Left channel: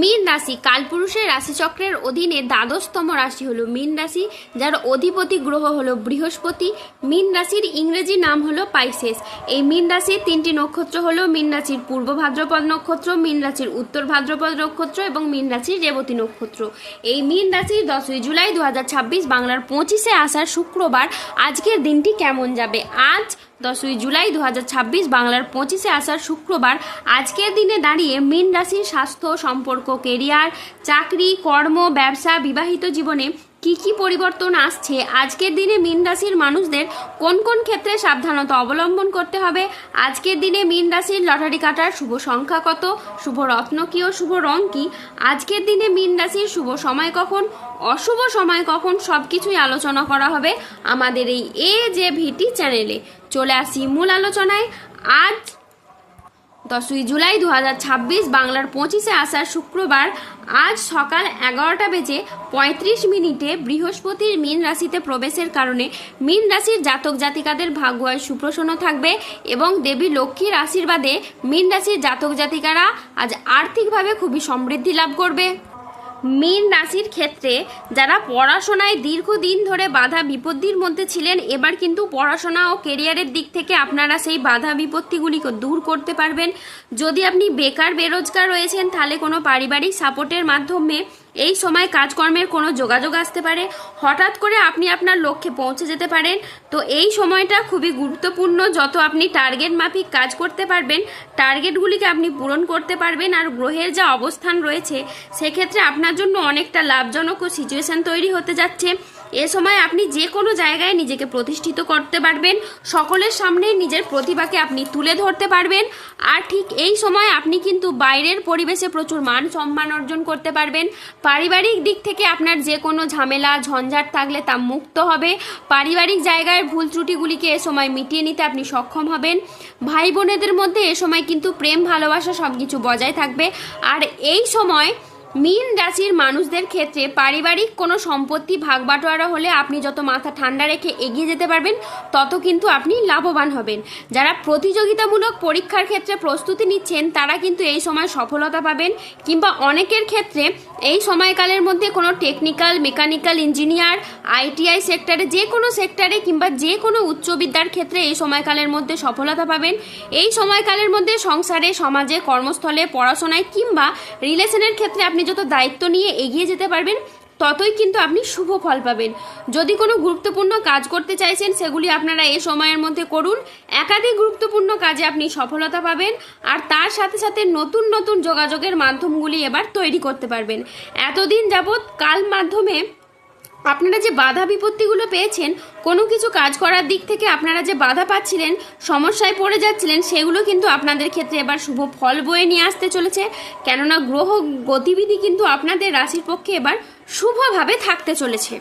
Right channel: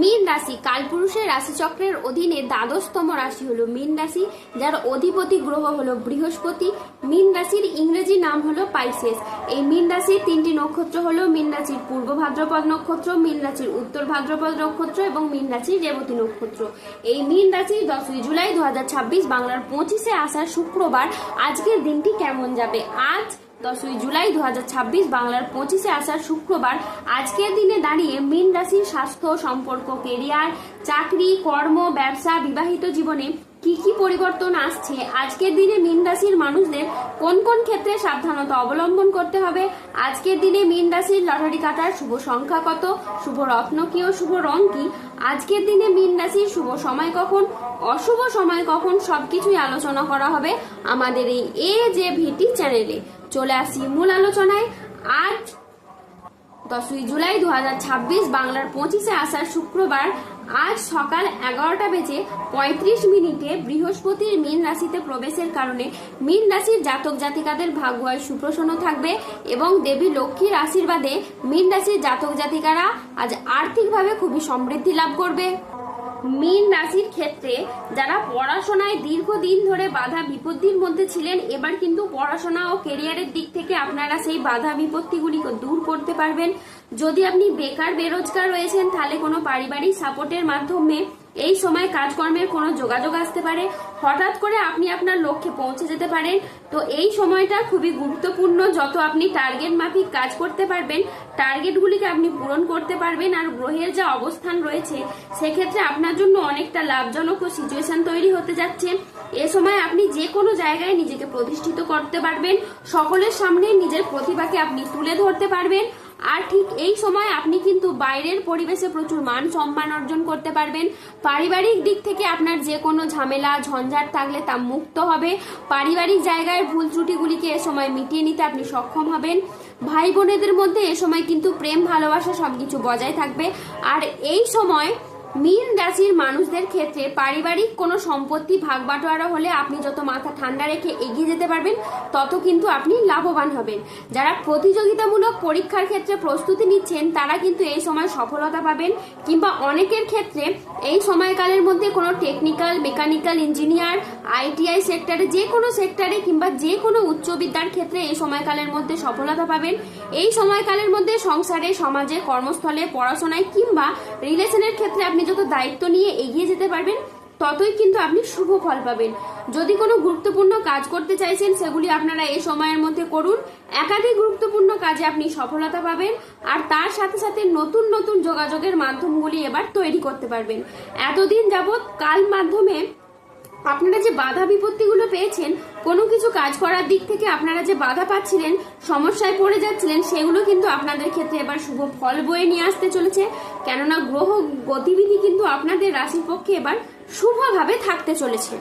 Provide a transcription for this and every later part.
মীন রাশি কালপুরুষের রাশিচক্রের অধীনে দ্বাদশতম রাশি হলো মীন রাশি, যার অধিপতি গ্রহ হলো বৃহস্পতি। মীন রাশির ইংরেজি নাম হলো পাইসেস। এই মীন রাশির তিনটি নক্ষত্র হলো মীন রাশির পূর্ব ভাদ্রপদ নক্ষত্র, মীন রাশির উত্তর ভাদ্রপদ নক্ষত্র এবং মীন রাশির রেবতী নক্ষত্র। এই মীন রাশির 10ই জুলাই 2026 বাংলার 25-এ আষাঢ় শুক্রবার আজকের দিনটি কেমন যাবে। আজ 10ই জুলাই 2026 বাংলার 25-এ আষাঢ় শুক্রবার আজকের দিনে দাঁড়িয়ে মীন রাশির স্বাস্থ্য, সম্পর্ক, কেরিয়ার, চাকরি, কর্ম, ব্যবসা, বিবাহিত জীবনে কি কি পরিবর্তন আসছে, আজকের দিনে মীন রাশির মানুষদের কোন কোন ক্ষেত্রে সাবধানতা অবলম্বন করতে হবে, আজকের দিনে মীন রাশির লটারি কাটার শুভ সংখ্যা কত, শুভ রত্ন কি ও শুভ রং কি, আজকের দিনে মীন রাশির শুভ সময় কখন, অশুভ সময় কখন, সবকিছুই আলোচনা করা হবে আমাদের এই AJVT চ্যানেলে। চলে আসি মূল আলোচনায়। আজ 10ই জুলাই 2026 বাংলার 25-এ আষাঢ় শুক্রবার আজ সকাল 11:35 বৃহস্পতির মীন রাশিতে প্রবেশের কারণে মীন রাশির জাতক জাতিকাদের ভাগ্য আজ সুপ্রসন্ন থাকবে এবং দেবী লক্ষ্মীর আশীর্বাদে মীন রাশির জাতক জাতিকারা আজ আর্থিকভাবে খুবই সমৃদ্ধি লাভ করবে। মীন রাশির ক্ষেত্রে যারা পড়াশোনায় দীর্ঘদিন ধরে বাধা বিপত্তির মধ্যে ছিলেন, এবার কিন্তু পড়াশোনা ও কেরিয়ারের দিক থেকে আপনারা সেই বাধা বিপত্তিগুলিকে দূর করতে পারবেন। যদি আপনি বেকার বেরোজগার রয়েছেন, তাহলে কোনো পারিবারিক সাপোর্টের মাধ্যমে এই সময় কাজকর্মের কোনো যোগাযোগ আসতে পারে। হঠাৎ করে আপনি আপনার লক্ষ্যে পৌঁছে যেতে পারেন। তো এই সময়টা খুবই গুরুত্বপূর্ণ। যত আপনি টার্গেট মাফিক কাজ করতে পারবেন, টার্গেটগুলিকে আপনি পূরণ করতে পারবেন। আর গ্রহের যা অবস্থান রয়েছে সেক্ষেত্রে আপনার জন্য অনেকটা লাভজনক ও সিচুয়েশন তৈরি হতে যাচ্ছে। এ সময় আপনি যে কোনো জায়গায় নিজেকে প্রতিষ্ঠিত করতে পারবেন, সকলের সামনে নিজের প্রতিভাকে আপনি তুলে ধরতে পারবেন। আর ঠিক এই সময় আপনি কিন্তু বাইরের পরিবেশে প্রচুর মান সম্মান অর্জন করতে পারবেন। পারিবারিক দিক থেকে আপনার যে কোনো ঝামেলা ঝঞ্ঝাট থাকলে তা মুক্ত হবে। পারিবারিক জায়গায় ভুল ত্রুটিগুলিকে এ সময় মিটিয়ে নিতে আপনি সক্ষম হবেন। ভাই বোনেদের মধ্যে এ সময় কিন্তু প্রেম ভালোবাসা সবকিছু বজায় থাকবে। আর এই সময় মীন রাশির মানুষদের ক্ষেত্রে পারিবারিক কোনো সম্পত্তি ভাগ বাটোয়ারা হলে আপনি যত মাথা ঠান্ডা রেখে এগিয়ে যেতে পারবেন, তত কিন্তু আপনি লাভবান হবেন। যারা প্রতিযোগিতামূলক পরীক্ষার ক্ষেত্রে প্রস্তুতি নিচ্ছেন, তারা কিন্তু এই সময় সফলতা পাবেন। কিংবা অনেকের ক্ষেত্রে এই সময়কালের মধ্যে কোনো টেকনিক্যাল, মেকানিক্যাল, ইঞ্জিনিয়ার, ITI সেক্টরে, যে কোনো সেক্টরে কিংবা যে কোনো উচ্চ বিদ্যার ক্ষেত্রে এই সময়কালের মধ্যে সফলতা পাবেন। এই সময়কালের মধ্যে সংসারে, সমাজে, কর্মস্থলে, পড়াশোনায় কিংবা রিলেশনের ক্ষেত্রে আপনি যত দায়িত্ব নিয়ে এগিয়ে যেতে পারবেন, ততই কিন্তু আপনি শুভ ফল পাবেন। যদি কোনো গুরুত্বপূর্ণ কাজ করতে চাইছেন, সেগুলি আপনারা এই সময়ের মধ্যে করুন। একাধিক গুরুত্বপূর্ণ কাজে আপনি সফলতা পাবেন। আর তার সাথে সাথে নতুন নতুন যোগাযোগের মাধ্যমগুলি এবার তৈরি করতে পারবেন। এতদিন যাবৎ কাল মাধ্যমে আপনারা যে বাধা বিপত্তিগুলো পেয়েছেন, কোনো কিছু কাজ করার দিক থেকে আপনারা যে বাধা পাচ্ছিলেন, সমস্যায় পড়ে যাচ্ছিলেন, সেগুলো কিন্তু আপনাদের ক্ষেত্রে এবার শুভ ফল বয়ে নিয়ে আসতে চলেছে। কেননা গ্রহ গতিবিধি কিন্তু আপনাদের রাশির পক্ষে এবার শুভভাবে থাকতে চলেছে।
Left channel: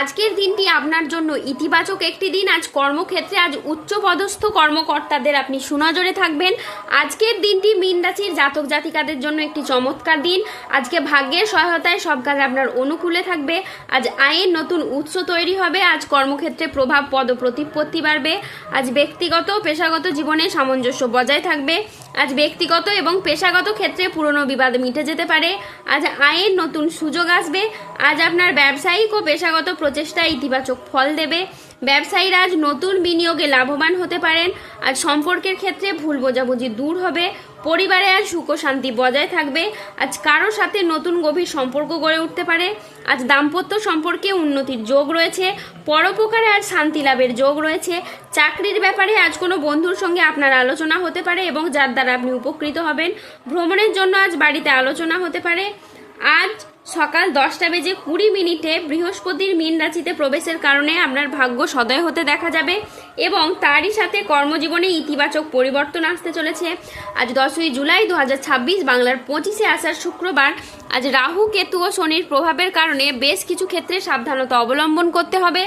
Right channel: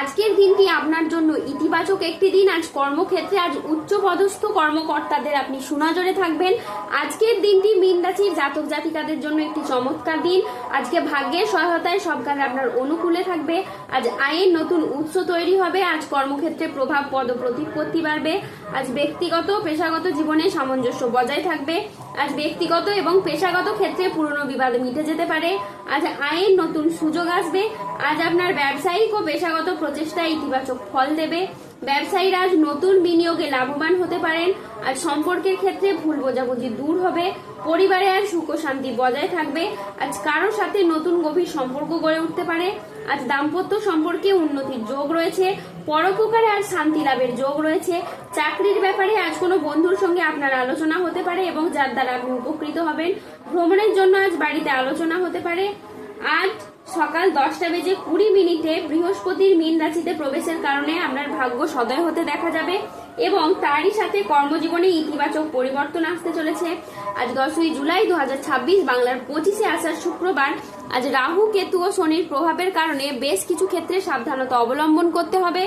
আজকের দিনটি আপনার জন্য ইতিবাচক একটি দিন। আজ কর্মক্ষেত্রে আজ উচ্চ পদস্থ কর্মকর্তাদের আপনি সুনজরে থাকবেন। আজকের দিনটি মীন রাশির জাতক জাতিকাদের জন্য একটি চমৎকার দিন। আজকে ভাগ্যের সহায়তায় সব কাজ আপনার অনুকূলে থাকবে। আজ আয়ের নতুন উৎস তৈরি হবে। আজ কর্মক্ষেত্রে প্রভাব পদ প্রতিপত্তি বাড়বে। আজ ব্যক্তিগত পেশাগত জীবনে সামঞ্জস্য বজায় থাকবে। আজ ব্যক্তিগত এবং পেশাগত ক্ষেত্রে পুরনো বিবাদ মিটে যেতে পারে। আজ আয়ের নতুন সুযোগ আসবে। আজ আপনার ব্যবসায়িক ও পেশাগত প্রচেষ্টায় ইতিবাচক ফল দেবে। ব্যবসায়ীরা আজ নতুন বিনিয়োগে লাভবান হতে পারেন। আজ সম্পর্কের ক্ষেত্রে ভুল বোঝাবুঝি দূর হবে। পরিবারে আজ সুখ শান্তি বজায় থাকবে। আজ কারোর সাথে নতুন গভীর সম্পর্ক গড়ে উঠতে পারে। আজ দাম্পত্য সম্পর্কে উন্নতির যোগ রয়েছে। পরোপকারে আজ শান্তি লাভের যোগ রয়েছে। চাকরির ব্যাপারে আজ কোনো বন্ধুর সঙ্গে আপনার আলোচনা হতে পারে এবং যার দ্বারা আপনি উপকৃত হবেন। ভ্রমণের জন্য আজ বাড়িতে আলোচনা হতে পারে। আজ সকাল 10:20 বৃহস্পতির মীন রাশিতে প্রবেশের কারণে আপনার ভাগ্য সদয় হতে দেখা যাবে এবং তারই সাথে কর্মজীবনে ইতিবাচক পরিবর্তন আসতে চলেছে। আজ 10ই জুলাই 2026 বাংলার 25-এ আষাঢ় শুক্রবার আজ রাহু, কেতু ও শনির প্রভাবের কারণে বেশ কিছু ক্ষেত্রে সাবধানতা অবলম্বন করতে হবে।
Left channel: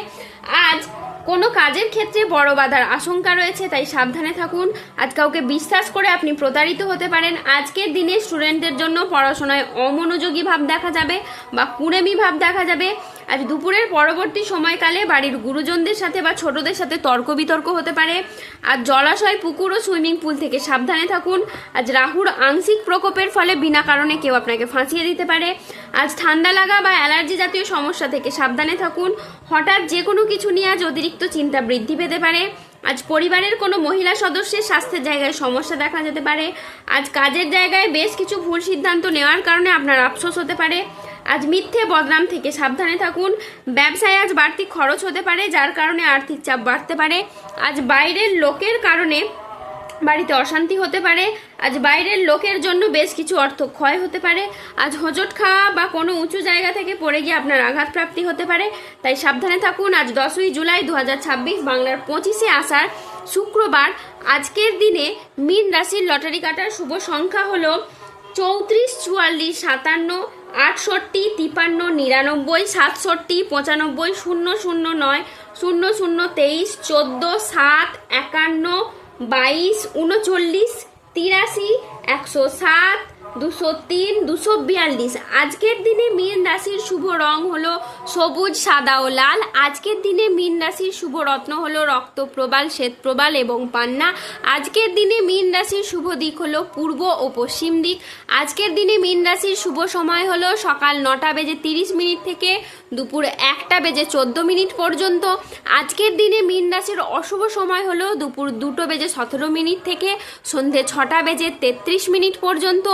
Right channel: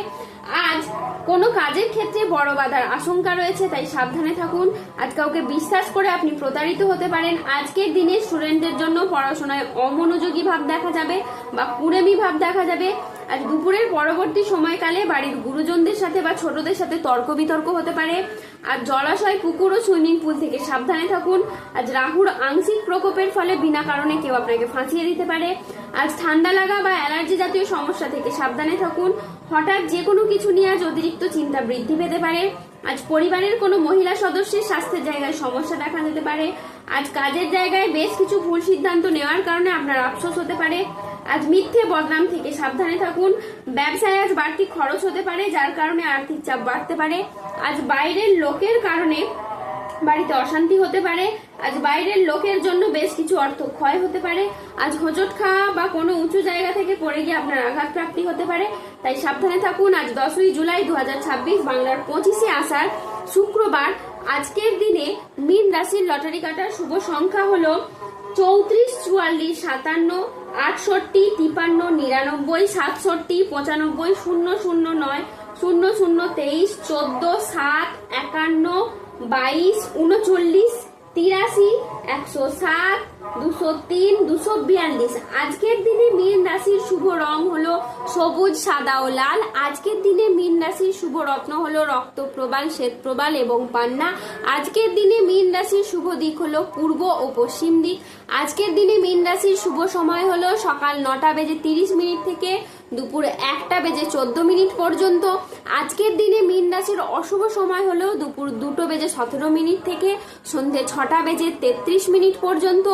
আজ কোনো কাজের ক্ষেত্রে বড় বাধার আশঙ্কা রয়েছে, তাই সাবধানে থাকুন। আজ কাউকে বিশ্বাস করে আপনি প্রতারিত হতে পারেন। আজকের দিনে স্টুডেন্টদের জন্য পড়াশোনায় অমনোযোগী ভাব দেখা যাবে। যাবে বা কুড়েমি ভাব দেখা যাবে। আজ দুপুরের পরবর্তী সময়কালে বাড়ির গুরুজনদের সাথে বা ছোটদের সাথে তর্ক বিতর্ক হতে পারে। আজ জলাশয়, পুকুর ও সুইমিং পুল থেকে সাবধানে থাকুন। আজ রাহুর আংশিক প্রকোপের ফলে বিনা কারণে কেউ আপনাকে ফাঁসিয়ে দিতে পারে। আজ ঠান্ডা লাগা বা অ্যালার্জি জাতীয় সমস্যা থেকে সাবধানে থাকুন। হঠাৎ যে কোনো কিছু নিয়ে আজ অতিরিক্ত চিন্তা বৃদ্ধি পেতে পারে। আজ পরিবারের কোনো মহিলা সদস্যের স্বাস্থ্যের জায়গায় সমস্যা দেখা যেতে পারে। আজ কাজের জায়গায় বেশ কিছু ভুল সিদ্ধান্ত নেওয়ার কারণে আপনার আফসোস হতে পারে। আজ মিথ্যে বদনাম থেকে সাবধানে থাকুন। ব্যবসায় আজ বাড়তি খরচ হতে পারে, যার কারণে আর্থিক চাপ বাড়তে পারে। আজ বাইরের লোকের কারণে বাড়িতে অশান্তি হতে পারে। আজ বাইরের লোকের জন্য বেশ কিছু অর্থ ক্ষয় হতে পারে। আজ হোঁচট খাওয়া বা কোনো উঁচু জায়গা থেকে পড়ে গিয়ে আপনার আঘাত প্রাপ্তি হতে পারে, তাই সাবধানে থাকুন। আজ 10ই জুলাই 2026 বাংলার 25শে আষাঢ় শুক্রবার। আজকের দিনে মীন রাশির লটারি কাটার শুভ সংখ্যা হলো 34, 44, 57, 68, 53, 99, 67, 95, 009, 00, 23, 14, 7, 51, 22, 39, 83, 107, 203, 242। আজকের দিনে মীন রাশির শুভ রং হলো সবুজ, সাদা ও লাল। আজকের দিনে মীন রাশির শুভ রত্ন হলো রক্তপ্রবাল, শ্বেতপ্রবাল এবং পান্না। আজকের দিনে মীন রাশির শুভ দিক হলো পূর্ব ও পশ্চিম দিক। আজকের দিনে মীন রাশির শুভ সময় হলো সকাল 9:30 থেকে দুপুর 1:14 পর্যন্ত। আজকের দিনে মীন রাশির অশুভ সময় হলো দুপুর 2:17 থেকে সন্ধে 6:33 পর্যন্ত।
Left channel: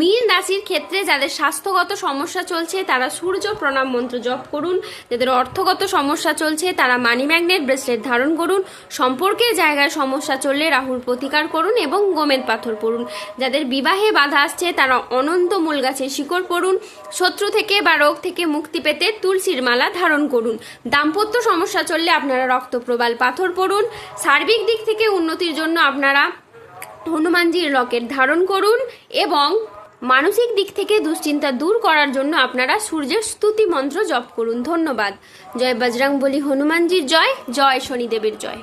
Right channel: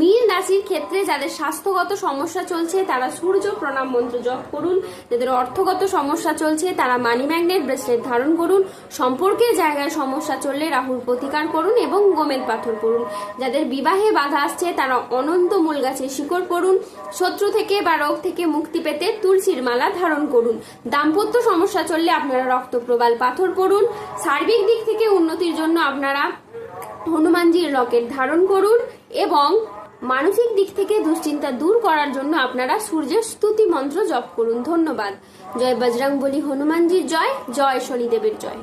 মীন রাশির ক্ষেত্রে যাদের স্বাস্থ্যগত সমস্যা চলছে তারা সূর্য প্রণাম মন্ত্র জপ করুন। যাদের অর্থগত সমস্যা চলছে তারা মানি ম্যাগনেট ব্রেসলেট ধারণ করুন। সম্পর্কের জায়গায় সমস্যা চললে রাহুর প্রতিকার করুন এবং গোমেদ পাথর পড়ুন। যাদের বিবাহে বাধা আসছে তারা অনন্ত মূল গাছের শিকড় পড়ুন। শত্রু থেকে বা রোগ থেকে মুক্তি পেতে তুলসীর মালা ধারণ করুন। দাম্পত্য সমস্যা চললে আপনারা রক্তপ্রবাল পাথর পড়ুন। সার্বিক দিক থেকে উন্নতির জন্য আপনারা হনুমানজির লকেট ধারণ করুন এবং মানসিক দিক থেকে দুশ্চিন্তা দূর করার জন্য আপনারা সূর্যের স্তুতি মন্ত্র জপ করুন। ধন্যবাদ। জয় বজরংবলী হনুমানজির জয়, জয় শনিদেবের জয়।